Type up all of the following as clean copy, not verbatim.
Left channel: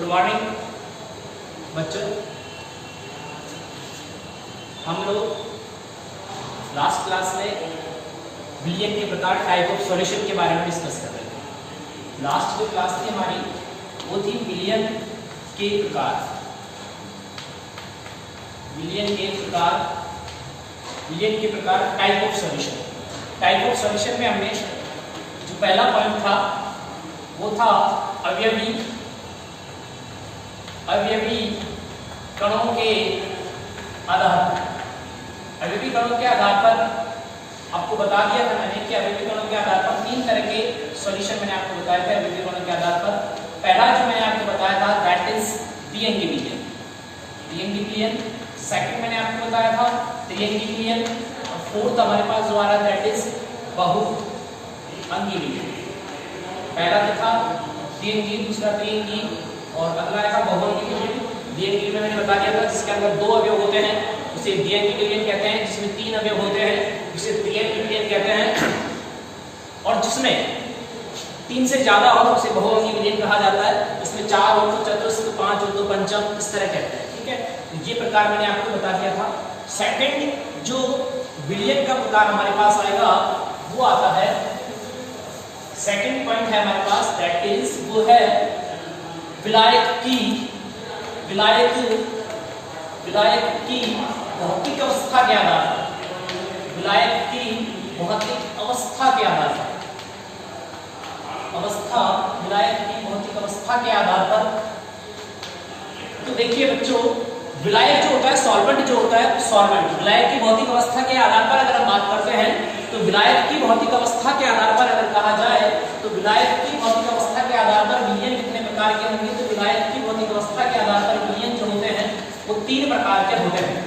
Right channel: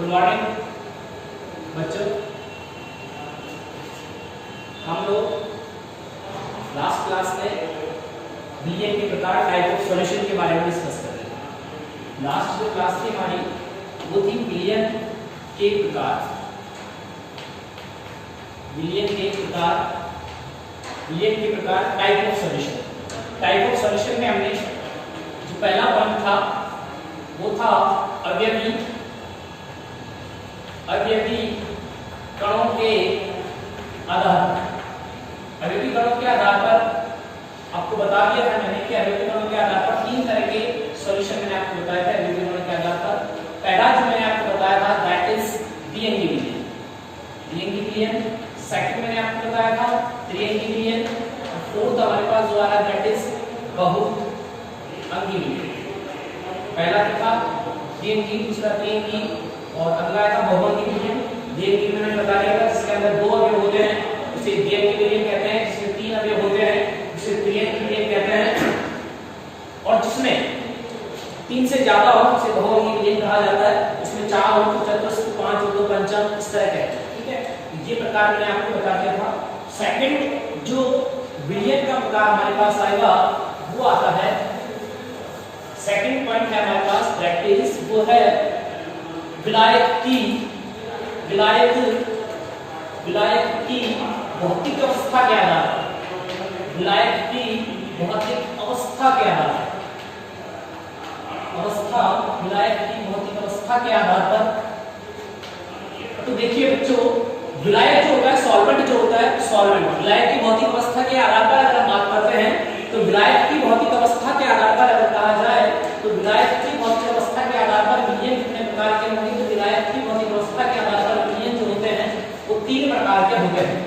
Good morning बच्चों। हम लोग लास्ट क्लास में बिलियन के प्रकार टाइप ऑफ सॉल्यूशन के बारे में डिस्कस कर रहे थे। लास्ट जो क्लास थी हमारी वो थी बिलियन के प्रकार, बिलियन के प्रकार type of solution. Type of solution में हमने जो पहला पॉइंट था वो था अवयवी कणों के आधार पर। अवयवी कणों के आधार पर आपको बता दिया था मैंने कि अवयवी कणों के आधार पर तीन तरह के सॉल्यूशन मैंने आपको बताया था। अवयवी कणों के आधार पर पहला जो मैंने आपको बताया था दैट इज द्विअंगी विलयन। सेकंड मैंने आपको बताया था त्रिअंगी विलयन और फोर्थ हमारे पास जो आ रहा है दैट इज बहुअंगी विलयन। पहला था द्विअंगी, दूसरा त्रिअंगी और अगला था बहुअंगी विलयन। द्विअंगी में मैंने बता दिया था जिसके अंदर दो अवयव होते हैं उसे द्विअंगी विलयन कहते हैं, जिसमें तीन अवयव होते हैं उसे त्रिअंगी विलयन कहते हैं, और जिसमें तीन से ज्यादा हो उसे बहुअंगी विलयन कहा जाता है। इसमें चार हो तो चतुर्थ, पांच हो तो पंचम, इस तरह कहते हैं। ठीक है, ये प्रकार मैंने आपको बता दिया था। सेकंड जो विलयन का प्रकार हमारे पास आएगा वो आता है, सेकंड पॉइंट है हमारे पास दैट इज वो है विलायक की भौतिक अवस्था के आधार पर। विलायक की भौतिक अवस्था के आधार पर विलायक की भौतिक अवस्था के आधार पर। तो देखिए बच्चों, विलायक जो होता है, सॉल्वेंट जो होता है, सॉल्वेंट विलायक की भौतिक अवस्था के आधार पर अगर हम बात करते हैं तो विलायक की भौतिक अवस्था के आधार पर अगर कहा जाए तो विलायक की भौतिक अवस्था के आधार पर विलयन कितने प्रकार के होंगे। तो विलायक की भौतिक अवस्था के आधार पर विलयन जो होते हैं वो तीन प्रकार के होते हैं।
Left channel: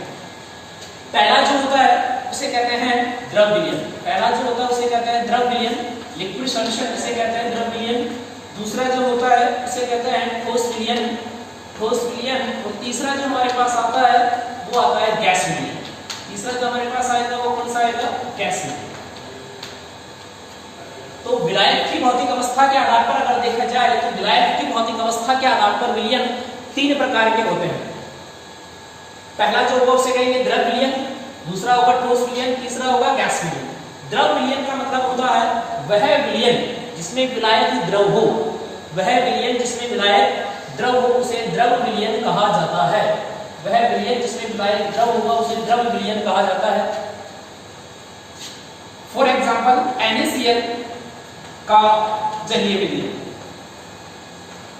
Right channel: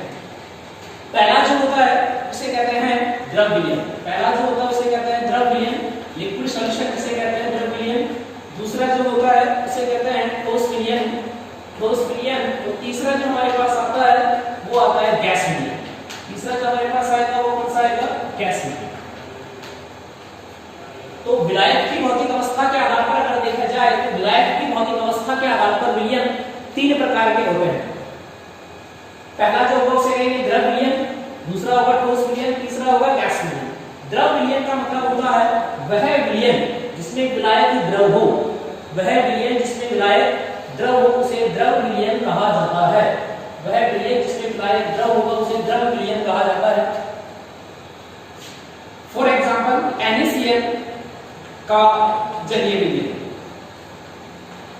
पहला जो होता है उसे कहते हैं द्रव विलयन। पहला जो होता है उसे कहते हैं द्रव विलयन, लिक्विड सॉल्यूशन इसे कहते हैं द्रव विलयन। दूसरा जो होता है उसे कहते हैं ठोस विलयन, और तीसरा जो हमारे पास आता है वो आता है गैस विलयन। तीसरा जो हमारे पास आएगा वो कौन सा आएगा, गैस विलयन। तो विलायक की भौतिक अवस्था के आधार पर अगर देखा जाए तो विलायक की भौतिक अवस्था के आधार पर विलयन तीन प्रकार के होते हैं। पहला जो होगा उसे कहेंगे द्रव विलयन, दूसरा होगा ठोस विलयन, तीसरा होगा गैस विलयन। द्रव विलयन का मतलब होता है वह विलयन जिसमें विलायक द्रव हो, वह विलयन जिसमें विलायक द्रव हो उसे द्रव विलयन कहा जाता है। वह विलयन जिसमें विलायक द्रव होगा उसे द्रव विलयन कहा जाता है। फॉर एग्जांपल NaCl का जलीय विलयन,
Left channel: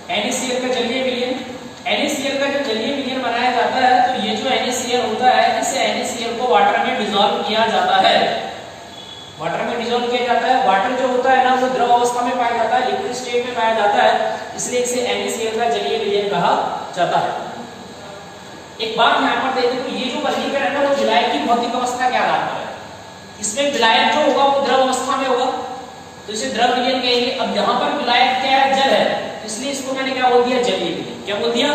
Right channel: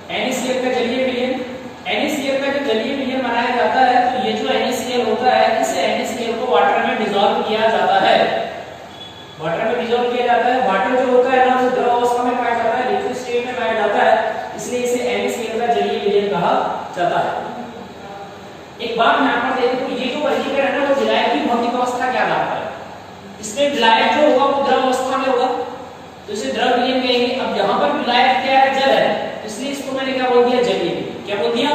NaCl का जलीय विलयन, NaCl का जो जलीय विलयन बनाया जाता है तो ये जो NaCl होता है इस NaCl को वाटर में डिसॉल्व किया जाता है। वाटर में डिसॉल्व किया जाता है। वाटर जो होता है ना वो द्रव अवस्था में पाया जाता है, लिक्विड स्टेट में पाया जाता है, इसलिए इसे NaCl का जलीय विलयन कहा जाता है। एक बात यहाँ पर देखिए, तो ये जो वर्गीकरण है ना वो विलायक की भौतिक अवस्था के आधार पर है। इसमें विलायक जो होगा वो द्रव अवस्था में होगा तो इसे द्रव विलयन कहेंगे। अब यहाँ पर विलायक क्या है, जल है, इसलिए इसको मैंने क्या बोल दिया, जलीय विलयन। क्या बोल दिया,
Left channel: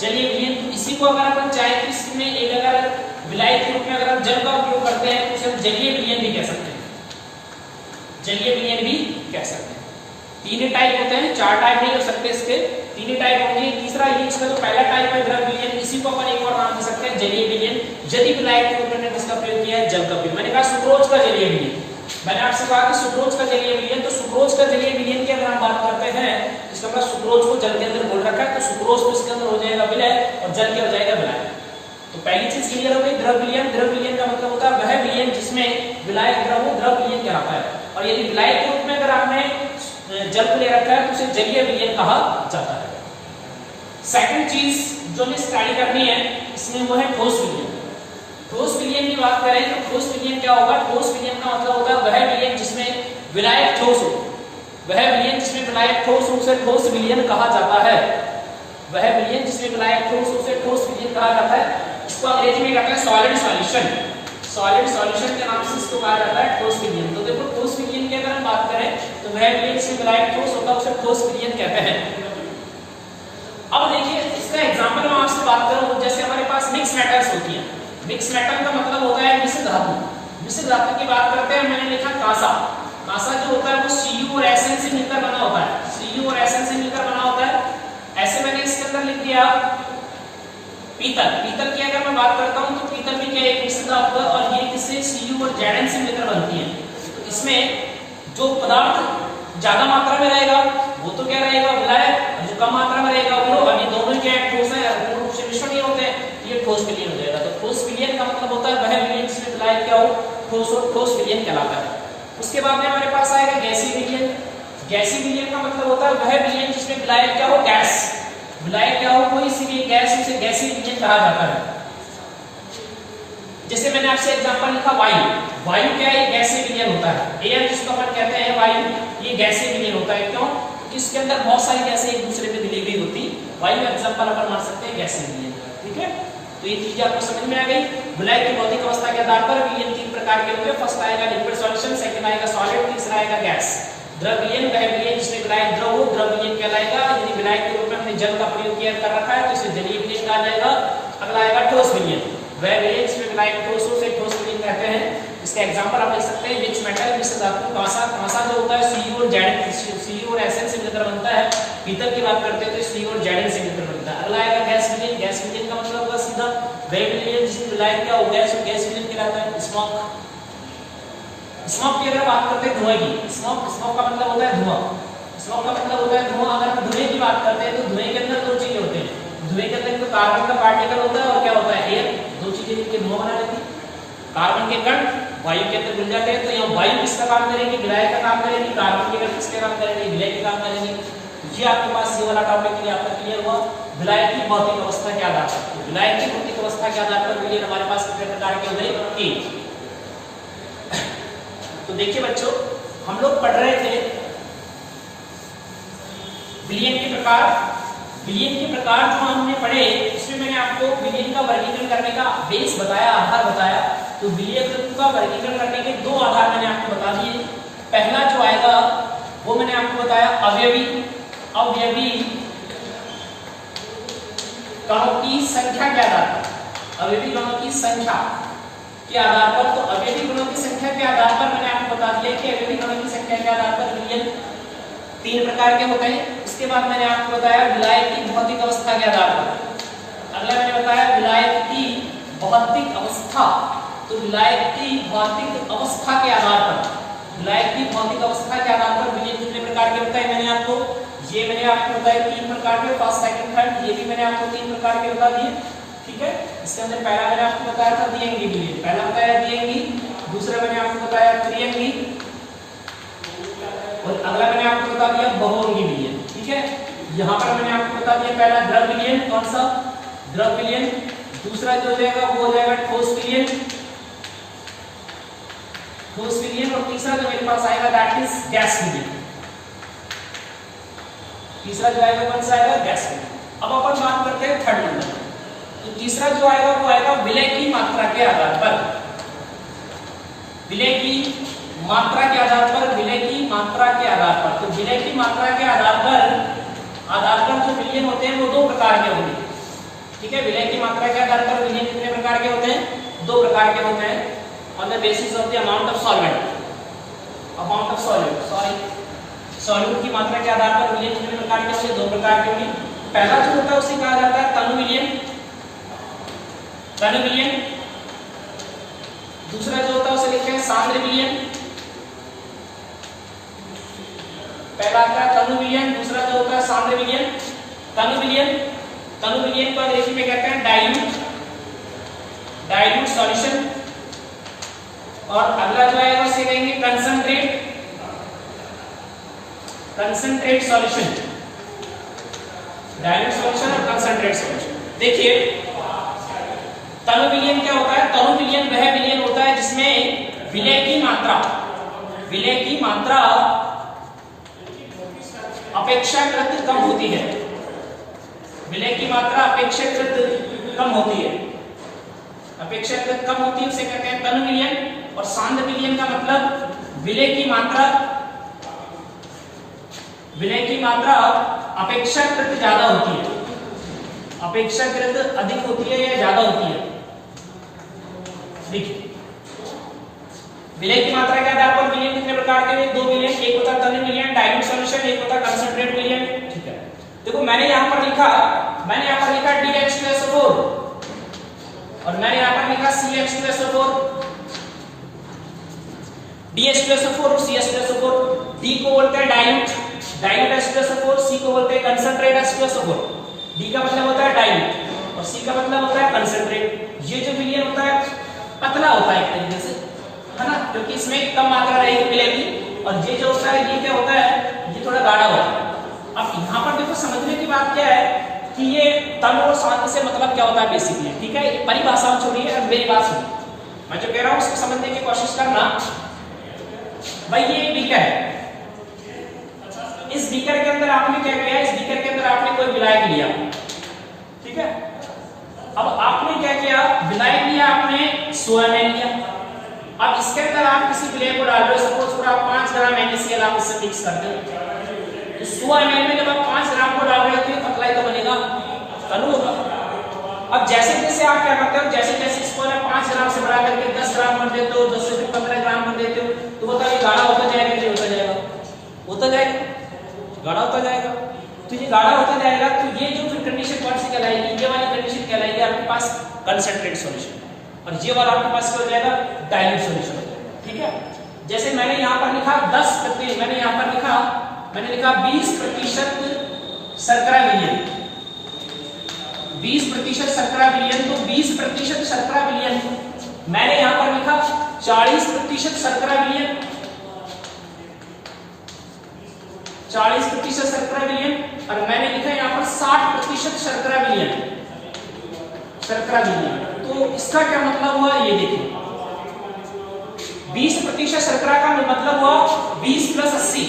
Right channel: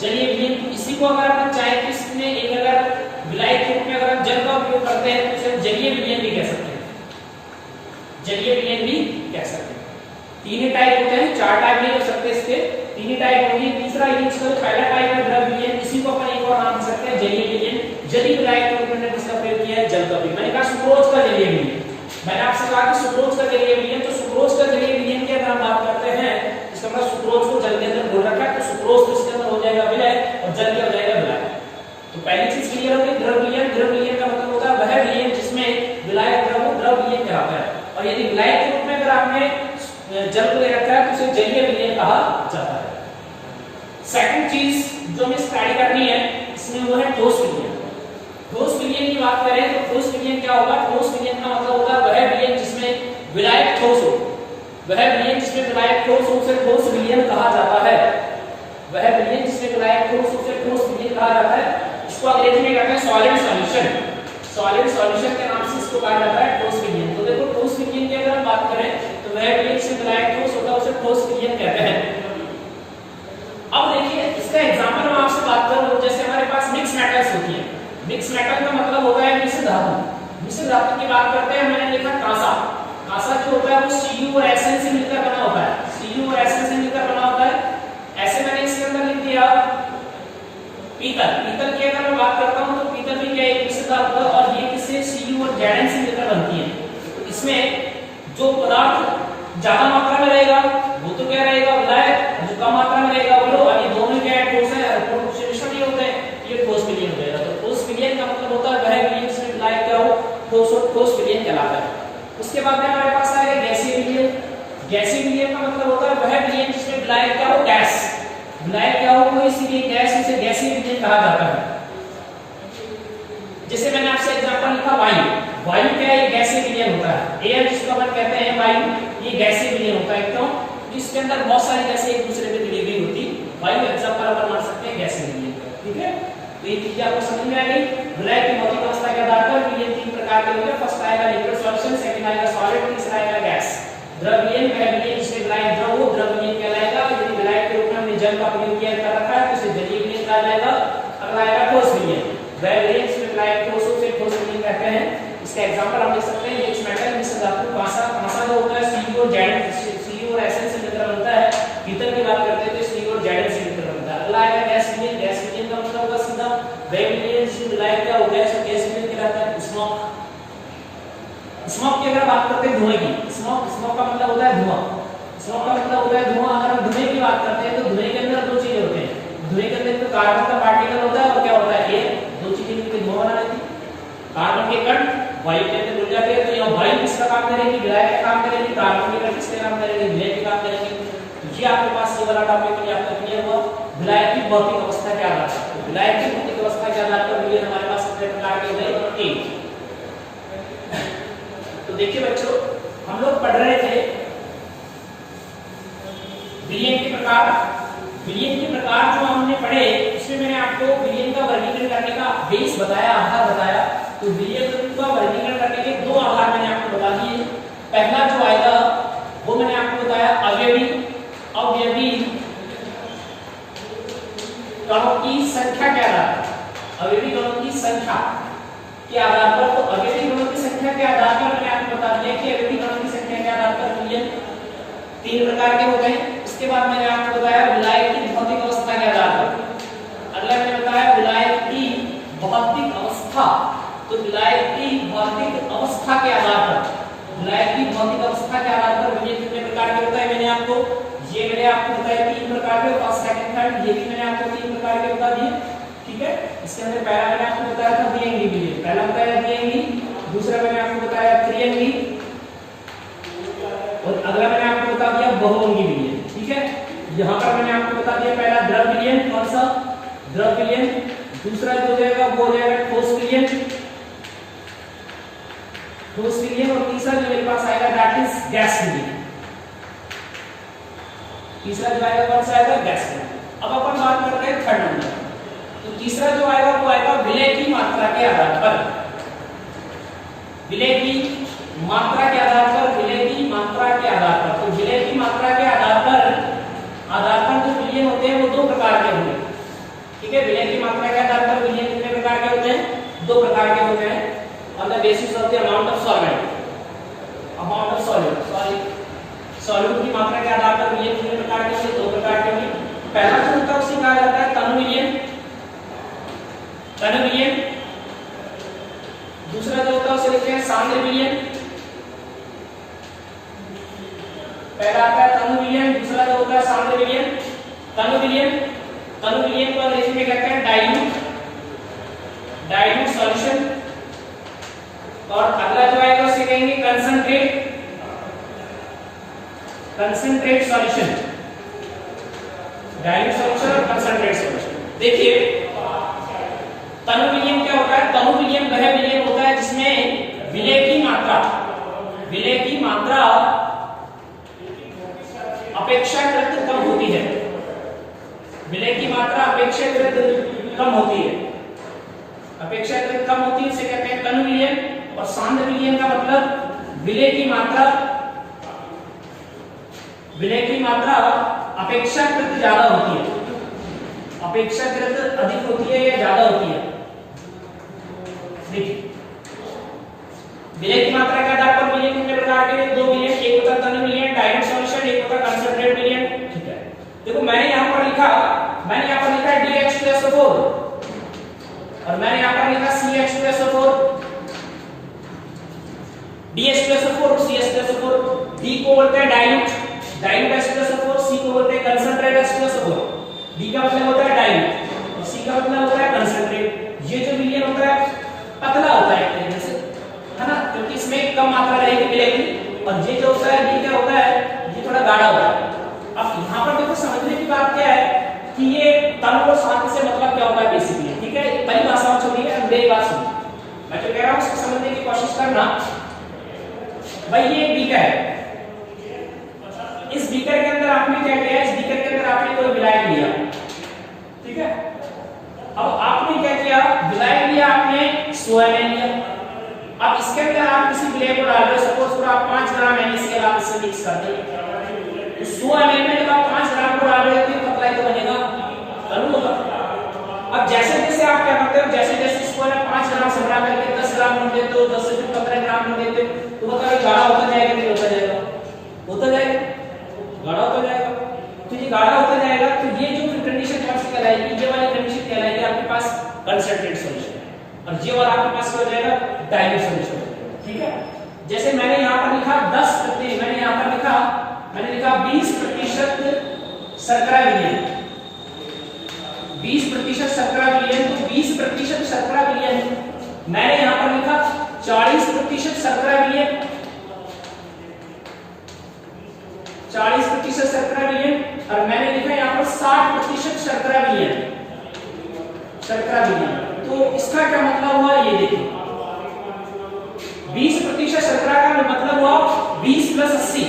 जलीय विलयन। तो इसी को अगर अपन चाहे कि इसमें एक अगर विलायक के रूप में अगर जल का उपयोग करते हैं तो उसे जलीय विलयन भी कह सकते हैं, जलीय विलयन भी कह सकते हैं। तीन टाइप होते हैं, चार टाइप नहीं हो सकते इसके, तीन ही टाइप होंगे। तीसरा ये इसका जो पहला टाइप है द्रव विलयन, इसी को अपन एक और नाम दे सकते हैं जलीय विलयन। यदि विलायक के रूप में इसका प्रयोग किया है जल का भी। मैंने कहा सुक्रोज का जलीय विलयन, मैंने आपसे कहा कि सुक्रोज का जलीय विलयन, तो सुक्रोज का जलीय विलयन की अगर हम बात करते हैं इसका मतलब सुक्रोज को जल के अंदर घोल रखा है तो सुक्रोज तो इसके अंदर हो जाएगा विलय और जल के हो जाएगा विलायक। तो पहली चीज क्लियर हो गई, द्रव विलयन। द्रव विलयन का मतलब होता है वह विलयन जिसमें विलायक द्रव हो, द्रव विलयन कहलाता है। और यदि विलायक के रूप में अगर आपने जल को ले रखा है तो उसे जलीय विलयन कहा जाता है। सेकंड चीज जो हमें स्टडी करनी है इसमें वो है ठोस विलयन। ठोस विलयन की बात करें तो ठोस विलयन क्या होगा, ठोस विलयन का मतलब होता है वह विलयन जिसमें विलायक ठोस हो, वह विलयन जिसमें विलायक ठोस हो उसे ठोस विलयन कहा जाता है। वह विलयन जिसमें विलायक ठोस हो उसे ठोस विलयन कहा जाता है। इसको अंग्रेजी में कहते हैं सॉलिड सॉल्यूशन। सॉलिड सॉल्यूशन के नाम से इसको कहा जाता है ठोस विलयन। तो देखो ठोस विलयन की अगर हम बात करें तो वह विलयन जिसमें विलायक ठोस होता है उसे ठोस विलयन कहते हैं। अब देखिए इसका एग्जांपल मैं आपसे बात करूं, जैसे हमारे पास मिक्स मेटल्स होती हैं। मिक्स मेटल का मतलब होता है मिश्र धातु। मिश्र धातु की बात करते हैं, मैंने लिखा कांसा। कांसा जो होता है वो Cu और Sn से मिलकर बना होता है, Cu और Sn से मिलकर बना होता है। ऐसे मैंने इसके अंदर पीतल की अगर मैं बात करता हूँ तो पीतल भी क्या एक मिश्र धातु है और ये किससे Cu और Zn से मिलकर बनती है। तो इसमें जो पदार्थ ज्यादा मात्रा में रहेगा वो तो क्या रहेगा विलायक, जो कम मात्रा में रहेगा वो लोग, अभी दोनों क्या ठोस है, पूर्ण रूप से मिश्रण नहीं होते हैं, ये ठोस विलयन हो जाएगा। तो ठोस विलयन का मतलब होता है वह विलयन जिसमें विलायक क्या हो, ठोस और ठोस विलयन कहलाता है। उसके बाद में हमारे पास आएगा गैसीय विलयन। गैसीय विलयन का मतलब होता है वह विलयन जिसमें विलायक क्या हो, गैस, विलायक क्या हो कोई सी भी गैस, उसे गैसीय विलयन कहा जाता है। जैसे मैंने आपसे एग्जांपल लिखा वायु, वायु क्या है, ये गैसीय विलयन होता है। एयर जिसको अपन कहते हैं वायु, ये गैसीय विलयन होता है। क्यों? इसके अंदर बहुत सारी गैसें एक दूसरे में मिली हुई होती, वायु एग्जांपल अपन मान सकते हैं गैसीय विलयन का। ठीक है, तो ये चीजें आपको समझ में आ गई। विलायक की भौतिक अवस्था के आधार पर विलयन तीन प्रकार के होंगे। फर्स्ट आएगा लिक्विड सॉल्यूशन, सेकंड आएगा सॉलिड, तीसरा आएगा गैस। द्रव विलयन वह विलयन जिसमें विलायक द्रव हो, द्रव विलयन कहलाएगा। यदि विलायक के रूप में हमने जल का प्रयोग किया कर रखा है तो इसे जलीय विलयन कहा जाएगा। अगला आएगा ठोस विलयन, वह विलयन जिसमें विलायक ठोस हो, उसे ठोस विलयन कहते हैं। इसका एग्जांपल हम लिख सकते हैं मिक्स मेटल, मिश्र धातु, कांसा जो होता है Cu और Zn, Cu और Sn से मिलकर बनता है। पीतल की बात करते हैं तो Cu और Zn से मिलकर बनता है। अगला आएगा गैस विलयन। गैस विलयन का मतलब होगा सीधा वह विलयन जिसमें विलायक क्या हो गया, सो गैस विलयन कहलाता है। स्मोक, स्मोक की अगर बात करते हैं धुएं की, स्मोक का मतलब होता है धुआं। स्मोक का मतलब होता है धुआं। अगर हम धुएं की बात करते हैं तो धुएं के अंदर दो चीजें होते हैं। धुएं के अंदर तो कार्बन का पार्टिकल होता है और क्या होता है एयर, दो चीजें मिलकर धुआं बना देती है। कार्बन के कण वायु के अंदर घुल जाते हैं, तो यह वायु किसका काम करेगी, विलायक का काम करेगी। कार्बन के कण किसके काम करेंगे, विलायक के काम करेंगे। ये आपके पास ये वाला टॉपिक क्लियर हुआ विलायक की भौतिक अवस्था के आधार पर। तो विलायक की भौतिक अवस्था के आधार पर विलयन हमारे पास कितने प्रकार के हो गए, तीन। तो देखिए बच्चों, हम लोग पढ़ रहे थे विलयन के प्रकार। विलयन के प्रकार जो हमने पढ़े उसमें मैंने आपको विलयन का वर्गीकरण करने का बेस बताया, आधार बताया। तो विलयन का वर्गीकरण करने के दो आधार मैंने आपको बता दिए। पहला जो आएगा वो मैंने आपको बताया अवयवी कणों की संख्या के आधार पर, अवयवी कणों की संख्या के आधार पर। तो अवयवी कणों की संख्या के आधार पर मैंने आपको बता दिया कि अवयवी कणों की संख्या के आधार पर विलयन तीन प्रकार के होते हैं। उसके बाद मैंने आपको बताया विलायक की भौतिक अवस्था के आधार पर। अगला मैंने बताया विलायक की भौतिक अवस्था। तो विलायक की भौतिक अवस्था के आधार पर, विलायक की भौतिक अवस्था के आधार पर विलयन कितने प्रकार के बताए मैंने आपको, ये मैंने आपको बताया तीन प्रकार के, फर्स्ट सेकंड थर्ड, ये भी मैंने आपको तीन प्रकार के बता दिए। ठीक है, इसके अंदर पहला मैंने आपको बताया था द्विअंगी विलयन, पहला बताया द्विअंगी, दूसरा मैंने आपको बताया त्रिअंगी और अगला मैंने आपको बता दिया बहुअंगी विलयन। ठीक है, यहाँ पर मैंने आपको बता दिया पहला द्रव विलयन, कौन सा, द्रव विलयन। दूसरा जो हो जाएगा वो हो जाएगा ठोस विलयन, ठोस विलयन। और तीसरा जो मेरे पास आएगा दैट इज गैस विलयन। तीसरा जो आएगा कौन सा आएगा, गैस विलयन। अब अपन बात करते हैं थर्ड नंबर। तो तीसरा जो आएगा वो आएगा विलय की मात्रा के आधार पर, विलय की मात्रा के आधार पर, विलय की मात्रा के आधार पर। तो विलय की मात्रा के आधार पर जो विलयन होते हैं वो दो प्रकार के होंगे। ठीक है, विलय की मात्रा के आधार पर विलयन कितने प्रकार के होते हैं, दो प्रकार के होते हैं। On the basis of the amount of solvent, amount of solute की मात्रा के आधार पर विलयन कितने प्रकार के होंगे, दो प्रकार के होंगे। पहला जो होता है उसे कहा जाता है तनु विलयन, तनु विलयन। दूसरा जो होता है उसे लिखते हैं सांद्र विलयन। पहला आता है तनु विलयन, दूसरा जो होता है सांद्र विलयन। तनु विलयन को अंग्रेजी में कहते हैं डाइल्यूट सॉल्यूशन। और अगला जो आएगा उसे कहेंगे कंसंट्रेट सॉल्यूशन, डाइल्यूट सॉल्यूशन और कंसंट्रेट सॉल्यूशन। देखिए तनु विलयन क्या होता है, तनु विलयन वह विलयन होता है जिसमें विलय की मात्रा अपेक्षाकृत कम होती है, विलय की मात्रा अपेक्षाकृत कम होती है, अपेक्षाकृत कम होती है, इसे कहते हैं तनु विलयन। और सांद्र विलयन का मतलब विलय की मात्रा अपेक्षाकृत ज्यादा होती है, अपेक्षाकृत अधिक होती है या ज्यादा होती है। देखिए विलय की मात्रा के आधार पर विलयन कितने प्रकार के, दो विलयन, एक होता तनु विलयन डाइल्यूट सॉल्यूशन, एक होता कंसंट्रेट विलयन। ठीक है, देखो मैंने यहाँ पर लिखा DH2SO4, और मैंने यहाँ पर लिखा CH2SO4, DH2SO4 और CH2SO4। D को बोलते हैं डाइल्यूट, डाइल्यूट H2SO4, C को बोलते हैं कंसंट्रेट H2SO4। D का मतलब होता है डाइल्यूट और C का मतलब होता है कंसंट्रेट। ये जो विलयन होता है पतला होता है एक तरीके से, है ना, क्योंकि इसमें कम मात्रा रहेगी मिलेगी। और ये जो होता है ये क्या होता है, ये थोड़ा गाढ़ा होता है। अब यहाँ पर देखो समझने की बात क्या है कि ये तन और सांद्र से मतलब क्या होता है बेसिकली, ठीक है। परिभाषा छोड़िए और मेरी बात सुनिए, मैं जो कह रहा हूँ उसको समझने की कोशिश करना। भाई ये बीकर है, इस बीकर के अंदर आपने क्या किया, इस बीकर के अंदर आपने कोई विलायक लिया, ठीक है। अब आपने क्या किया, विलायक लिया आपने 100 ml लिया। अब इसके अंदर आप किसी विलायक को डाल रहे हो, सपोज फॉर आप 5 ग्राम NaCl आप इससे मिक्स कर दो, तो 100 ml में जब आप 5 ग्राम को डाल रहे हो तो ये पतला ही तो बनेगा, तनु होगा। अब जैसे जैसे आप क्या करते हो, जैसे जैसे इसको ना 5 ग्राम से बढ़ा करके 10 ग्राम कर देते हो, 10 से फिर 15 ग्राम कर देते हो, तो बताओ ये गाढ़ा होता जाएगा कि होता जाएगा, होता जाएगा, गाढ़ा होता जाएगा। तो ये गाढ़ा होता जाएगा, तो ये जो फिर कंडीशन कौन सी कहलाएगी, ये वाली कंडीशन कहलाएगी आपके पास कंसंट्रेट सॉल्यूशन, और ये वाला आपके पास क्या हो जाएगा, डाइल्यूट सॉल्यूशन हो जाएगा, ठीक है। जैसे मैंने यहाँ पर लिखा 10%, मैंने यहाँ पर लिखा, मैंने लिखा 20% शर्करा विलयन, 20% शर्करा विलयन, तो 20% शर्करा विलयन। मैंने यहाँ पर लिखा 40% शर्करा विलयन, 40% शर्करा विलयन, और मैंने लिखा यहाँ पर 60% शर्करा विलयन, शर्करा विलयन। तो इसका क्या मतलब हुआ, ये देखिए 20% शर्करा का मतलब हुआ 20 + 80,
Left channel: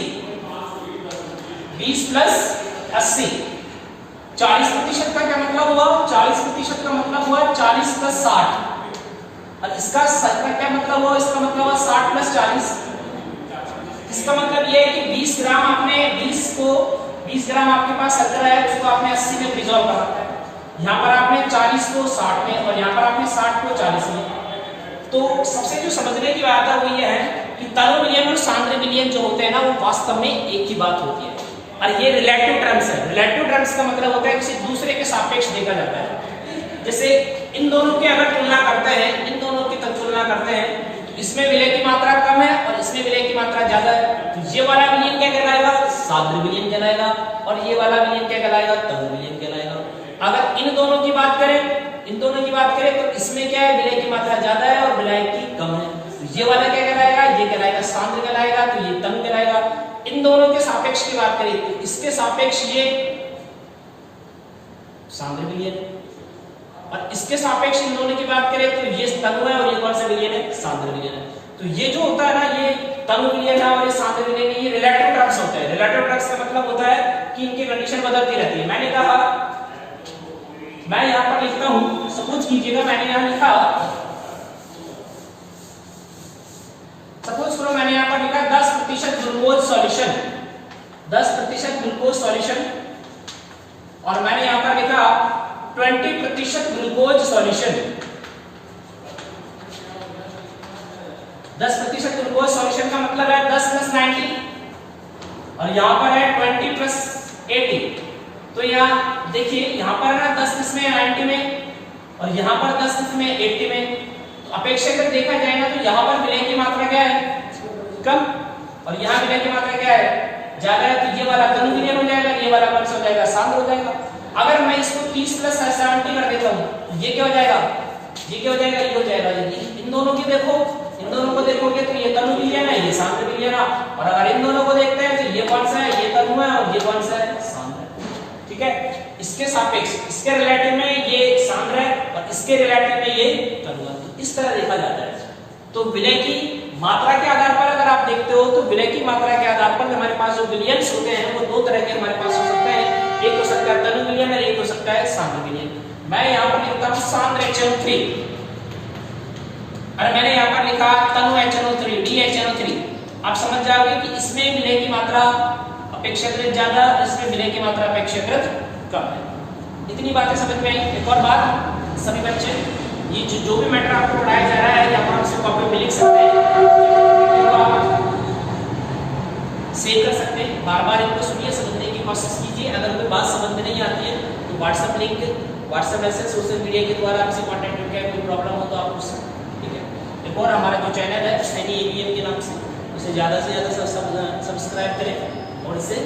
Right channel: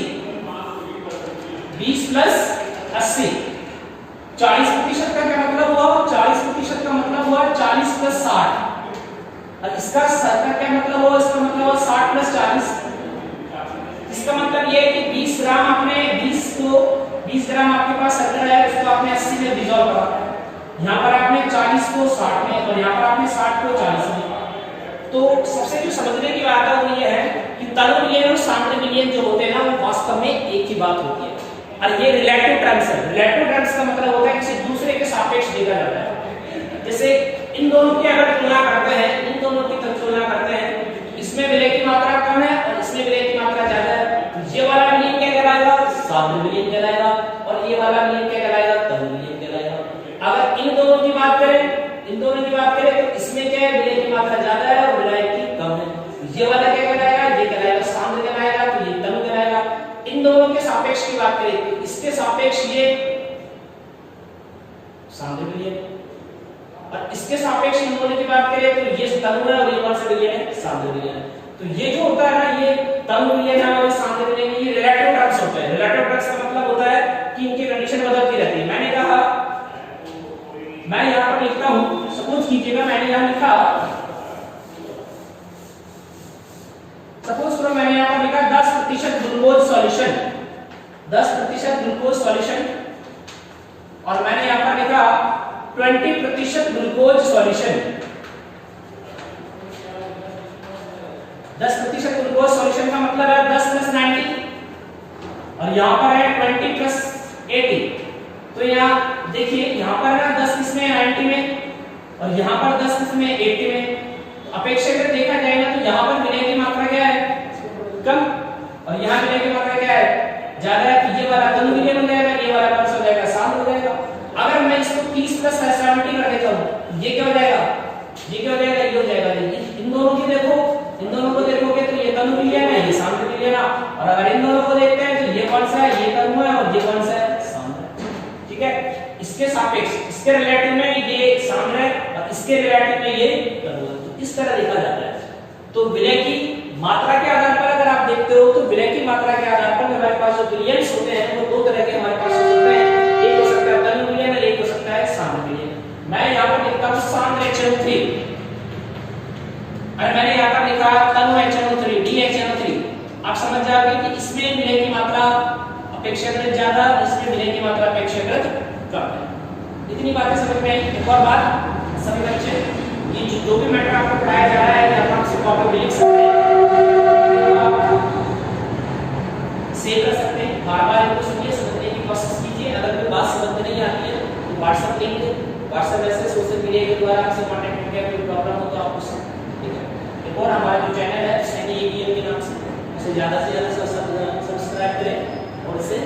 20 + 80। 40% का क्या मतलब हुआ, 40% का मतलब हुआ 40 + 60, और इसका शर्करा क्या मतलब हुआ, इसका मतलब हुआ 60 + 40। इसका मतलब ये है कि 20 ग्राम आपने 20 ग्राम आपके पास शर्करा है, उसको आपने 80 में डिसॉल्व कर रखा है। यहाँ पर आपने 40 को 60 में, और यहाँ पर आपने 60 को 40 में। तो सबसे जो समझने की बात है वो ये है कि तनु विलयन और सांद्र विलयन जो होते हैं ना, वो वास्तव में एक ही बात होती है, और ये रिलेटिव टर्म्स है। रिलेटिव टर्म्स का मतलब होता है किसी दूसरे के सापेक्ष देखा जाता है। जैसे इन दोनों की अगर तुलना करते हैं, इन दोनों की तुलना करते हैं, इसमें विलय की मात्रा कम है और इसमें विलय की मात्रा ज्यादा है, तो ये वाला विलयन क्या कहलाएगा, सांद्र विलयन कहलाएगा, और ये वाला विलयन क्या कहलाएगा, तनु विलयन कहलाएगा। अगर इन दोनों की बात करें, इन दोनों की बात करें तो इसमें क्या है, विलय की मात्रा ज्यादा है और विलय की कम है, तो ये वाला क्या कहलाएगा, ये कहलाएगा सांद्र कहलाएगा, तो ये तनु कहलाएगा। इन दोनों के सापेक्ष की बात करें तो इसके सापेक्ष ये सांद्र विलयन, और इसके सापेक्ष इन दोनों की बात करें तो ये तनु है और ये कौन सा विलयन है, सांद्र विलयन है। तो ये जो होता है ना, ये तनु विलयन है और ये सांद्र विलयन है, ये रिलेटिव टर्म्स होते हैं। रिलेटिव टर्म्स का मतलब होता है कि इनकी कंडीशन बदलती रहती है। मैंने कहा, मैं यहाँ पर लिखता हूं, सपोज कीजिएगा मैंने यहाँ लिखा, सपोज करो मैंने यहाँ पर लिखा 10% ग्लूकोज सॉल्यूशन, 10% ग्लूकोज सॉल्यूशन, और मैंने यहाँ पर लिखा 20% ग्लूकोज सॉल्यूशन, 10% ग्लूकोज सॉल्यूशन का मतलब है 10 + 90, और यहाँ पर है 20 + 80। तो यहाँ देखिए, यहाँ पर ना 10 किसमें 90 में, और यहाँ पर 10 किसमें 80 में। तो अपेक्षाकृत देखा जाएगा तो यहाँ पर विलय की मात्रा क्या है, कम, और यहाँ विलय की मात्रा क्या है, ज्यादा है। तो ये वाला तनु विलयन हो जाएगा, ये वाला कौन सा हो जाएगा, सांद्र हो जाएगा। अगर मैं इसको 30 + 70 कर देता हूँ, ये क्या हो जाएगा, ये क्या हो जाएगा, ये हो जाएगा। इन दोनों की देखो, इन दोनों को देखोगे तो ये तनु विलयन है, ये सांद्र विलयन है, और अगर इन दोनों को देखते हैं तो ये कौन सा है, ये तनु है, और ये कौन सा है, सांद्र, ठीक है। इसके सापेक्ष, इसके रिलेटिव में ये सांद्र है और इसके रिलेटिव में ये तनु है। तो इस तरह देखा जाता है। तो विलय की मात्रा के आधार पर अगर आप देखते हो तो विलय की मात्रा के आधार पर हमारे पास जो विलयंस होते हैं वो दो तरह के हमारे पास हो सकते हैं, एक हो सकता है तनु विलयन और एक हो सकता है सांद्र विलयन। मैं यहाँ पर लिखता हूँ सांद्र HNO3, और मैंने यहाँ पर लिखा तनु HNO3, DHNO3। आप समझ जाओगे कि इसमें विलय की मात्रा अपेक्षाकृत ज्यादा, इसमें विलय की मात्रा अपेक्षाकृत कम है। इतनी बातें समझ में आई। एक और बात, सभी बच्चे, ये जो भी मैटर आपको पढ़ाया जा रहा है ये आप से कॉपी में लिख सकते हैं, तो आप सेव कर सकते हैं, बार बार इनको सुनिए, समझने की कोशिश कीजिए। अगर कोई बात समझ में नहीं आती है तो WhatsApp link, WhatsApp message, social media के द्वारा आपसे कॉन्टेक्ट करके कोई प्रॉब्लम हो तो आप पूछ सकते हैं, ठीक है। एक और हमारा जो चैनल है सैनी एबीएम के नाम से, उसे ज़्यादा से ज़्यादा सब्सक्राइब करें और इसे।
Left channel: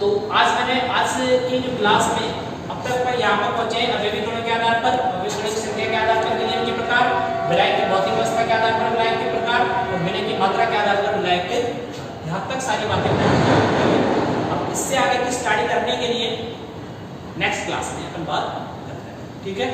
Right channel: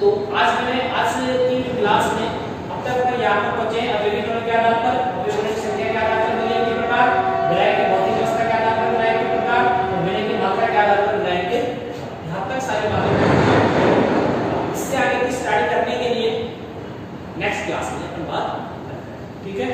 तो आज की क्लास में अब तक मैं यहाँ पर पहुंचे अभिविकरण के आधार पर, अभिविकरण की संख्या के आधार पर विलयन के प्रकार, विलायक की भौतिक अवस्था के आधार पर विलायक के प्रकार और विलयन की मात्रा के आधार पर विलायक के, यहाँ तक सारी बातें। अब इससे आगे की स्टडी करने के लिए नेक्स्ट क्लास में अपन बात करते हैं, ठीक है।